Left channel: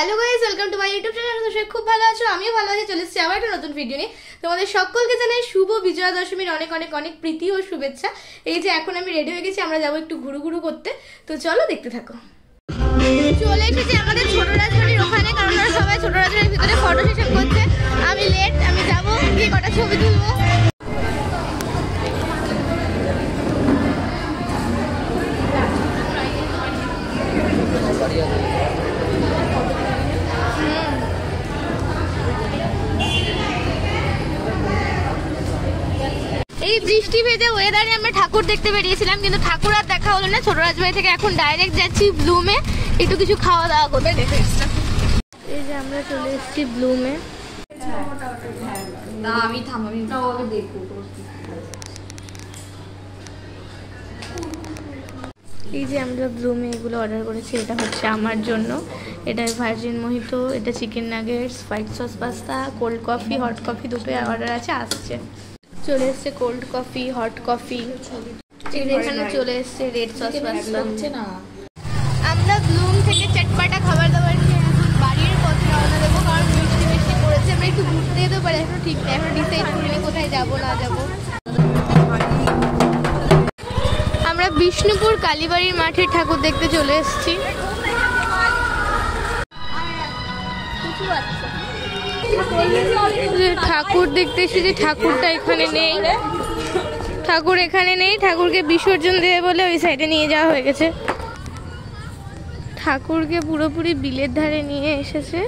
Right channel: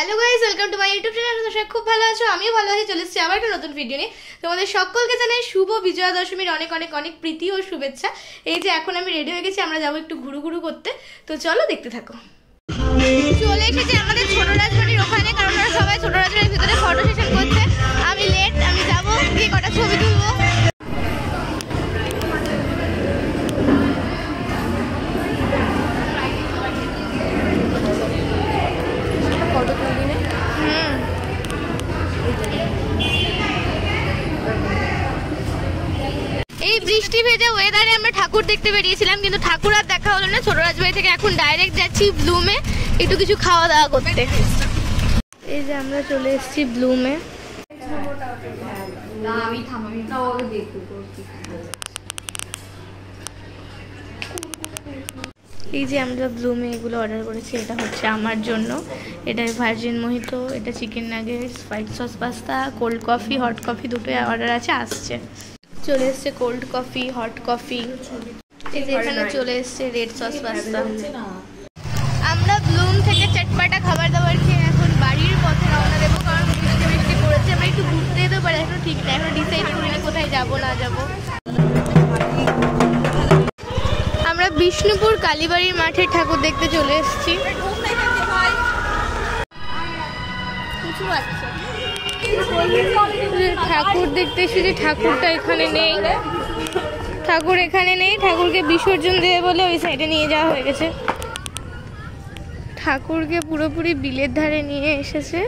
Hello guys, welcome to my YouTube channel. তো সবাই খুব ভালো আছো, আমিও ভালো আছি। চলে এসেছি আবার একটা নতুন ভিডিও নিয়ে। তোমাদের সকলকে জানাই শুভ বিজয়া দশমীর অনেক অনেক অনেক প্রীতি ও শুভেচ্ছা। এই যে এখন আমি রেডি হয়ে গেছি, আমরা যাবো একটু ঘুরু ঘুরু করতে। তো চলো দেখতে থাকো। চলে এসেছি আমাদের ছোট রাজবাড়ির ওখানে, কারণ ওরা সবাই ছোট রাজবাড়ির ভিতরে ফটো সেশন করছে। আমি লেট, আমি যাবো গিয়ে কটা ছবি তুলবো। এই বৃষ্টি ভেজা ওয়েদারে আমরা ঠাকুর দেখতে বেরিয়েছিলাম, কিন্তু ঠাকুর আর দেখা হলো না। ছোট রাজবাড়ি থেকে এখন ডাইরেক্ট যাচ্ছি ব্লুমে একটু কিছু খাওয়া দাওয়া করতে। এই যে আমরা চলে এসেছি ব্লুমে। এই যে আমরা ব্লুমে এগুলো অর্ডার করেছি। এটা হচ্ছে আমার জন্য, এটা ভার্জিন মোহিতো, এটা chicken nuggets, white sauce pasta, cold coffee, hot coffee দুটোই অর্ডার আছে, আসছে। চলে এসছে কোল্ড কফি, হট কফি। এই যে এখানে চলে এসছে রেড সস পাস্তা। আমরা ব্লুম থেকে চটপাটা খাবার দাবার খেয়ে এখন বাড়ির পথে রওনা দেবো, কারণ বৃষ্টি বৃষ্টি পড়েছে। আমরা একটু ঘুরতে যেতে পারি, এখনো ঠিক নেই, এখনো ডিসাইড করিনি কোথায় যাবো না যাবো। আমরা বিষ্ণুপুর কালীবাড়ির মাঠে ঠাকুর দেখতে চলে এসেছি। ঠাকুর দেখতে এসেছি, ঠাকুরটা এখানে নেই। ঠাকুর এখানে নেই, ঠাকুরকে বিসর্জন দেবে বলে ওই সাইডে নিয়ে যাওয়া হয়ে গেছে। ঠাকুরকে পুরোপুরি বিলের ধারে নিয়ে এসেছে।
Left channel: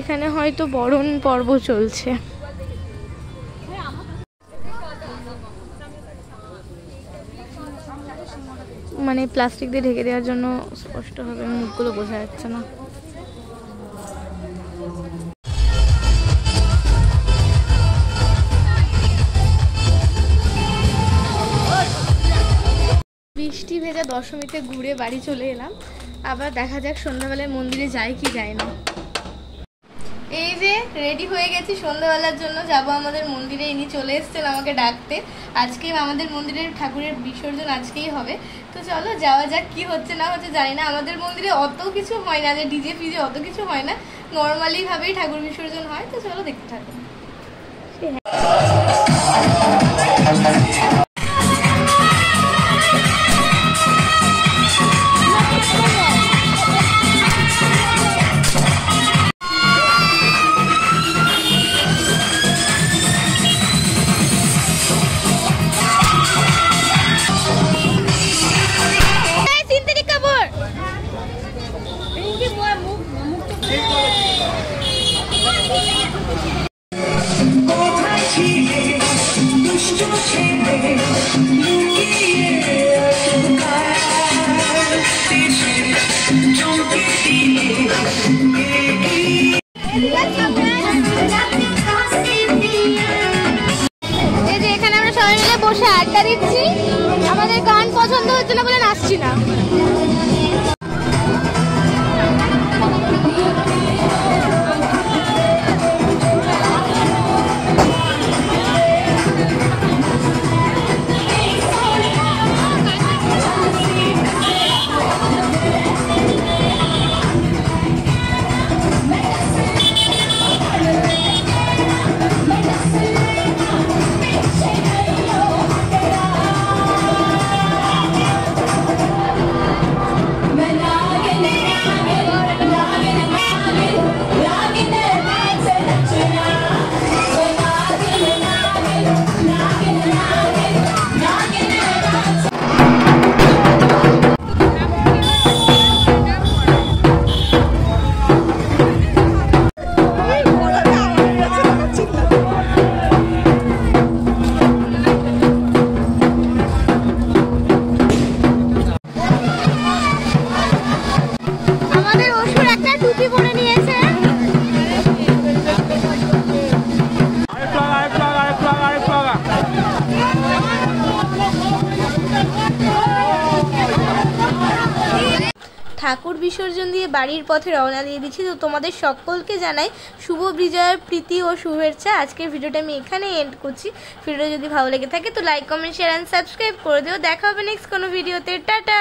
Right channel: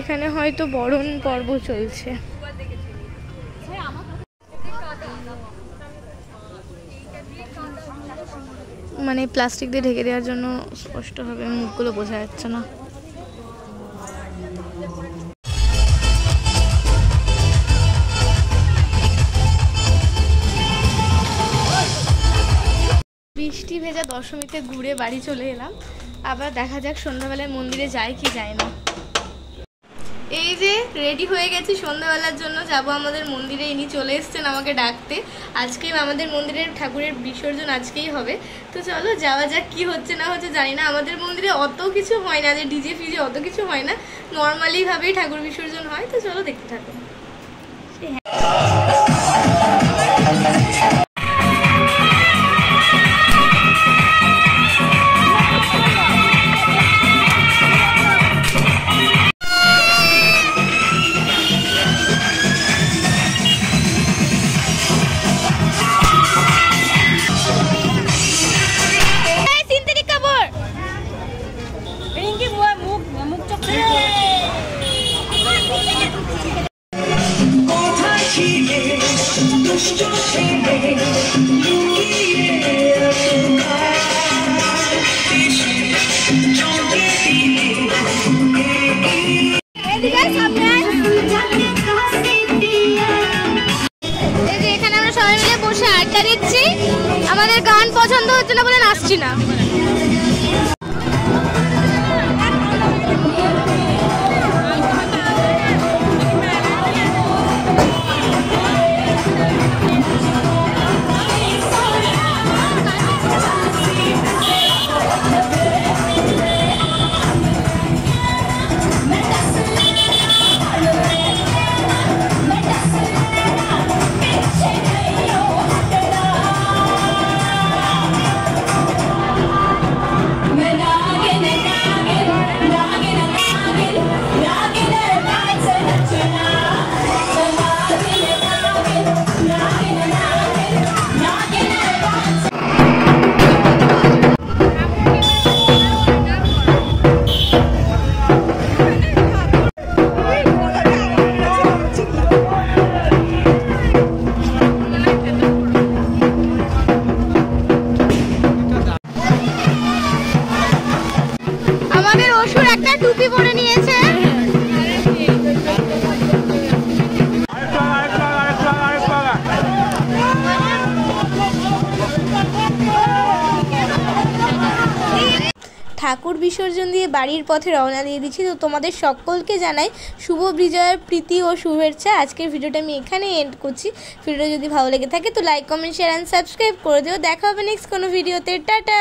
এখানে হয়তো বরণ পর্ব চলছে। মানে প্লাস্টিক দিয়ে ঢেকে দেওয়ার জন্য স্পষ্টভাবে মুখগুলো বোঝা যাচ্ছে না। বৃষ্টি ভেজা দশমীতে ঘুরে বাড়ি চলে এলাম। আবার দেখা যাক সন্ধ্যাবেলায় মন্দিরে যায় কি যায় না। এই যে রেডি হয়ে গেছি সন্ধ্যাবেলার জন্য, যাব আমাদের মন্দিরে। ইনি চলে এসছেন আমাকে ডাকতে। আজকেই আমাদের মন্দিরের ঠাকুরের বিসর্জন আজকেই হবে। তো চলো যাওয়া যাক, কি হচ্ছে না হচ্ছে জানি না। আমাদের মন্দিরে অত কিছু হয় না, যে ডিজে ফিজে অত কিছু হয় না, নর্মালি ভাবেই ঠাকুর বিসর্জন হয়। তো চলো দেখতে থাকো। এখানে আমরা সবাই মিলে বসে আড্ডা দিচ্ছি। আমাদের গান পছন্দ হচ্ছে না বলে নাচছি না। একটা টুপি পরে নিয়েছে। ঠাকুর বিসর্জন দিয়ে বাড়ির পথে রওনা দিয়ে দিচ্ছি। তো তোমাদের সকলকে জানাই শুভ বিজয়ের প্রীতি ও শুভেচ্ছা। আজকের ভিডিওটা আমি এখানে এন্ড করছি। ভিডিও যদি ভালো লেগে থাকে তো like, comment, share and subscribe করে দিও। দেখা হবে নেক্সট কোনো ভিডিওতে। টাটা।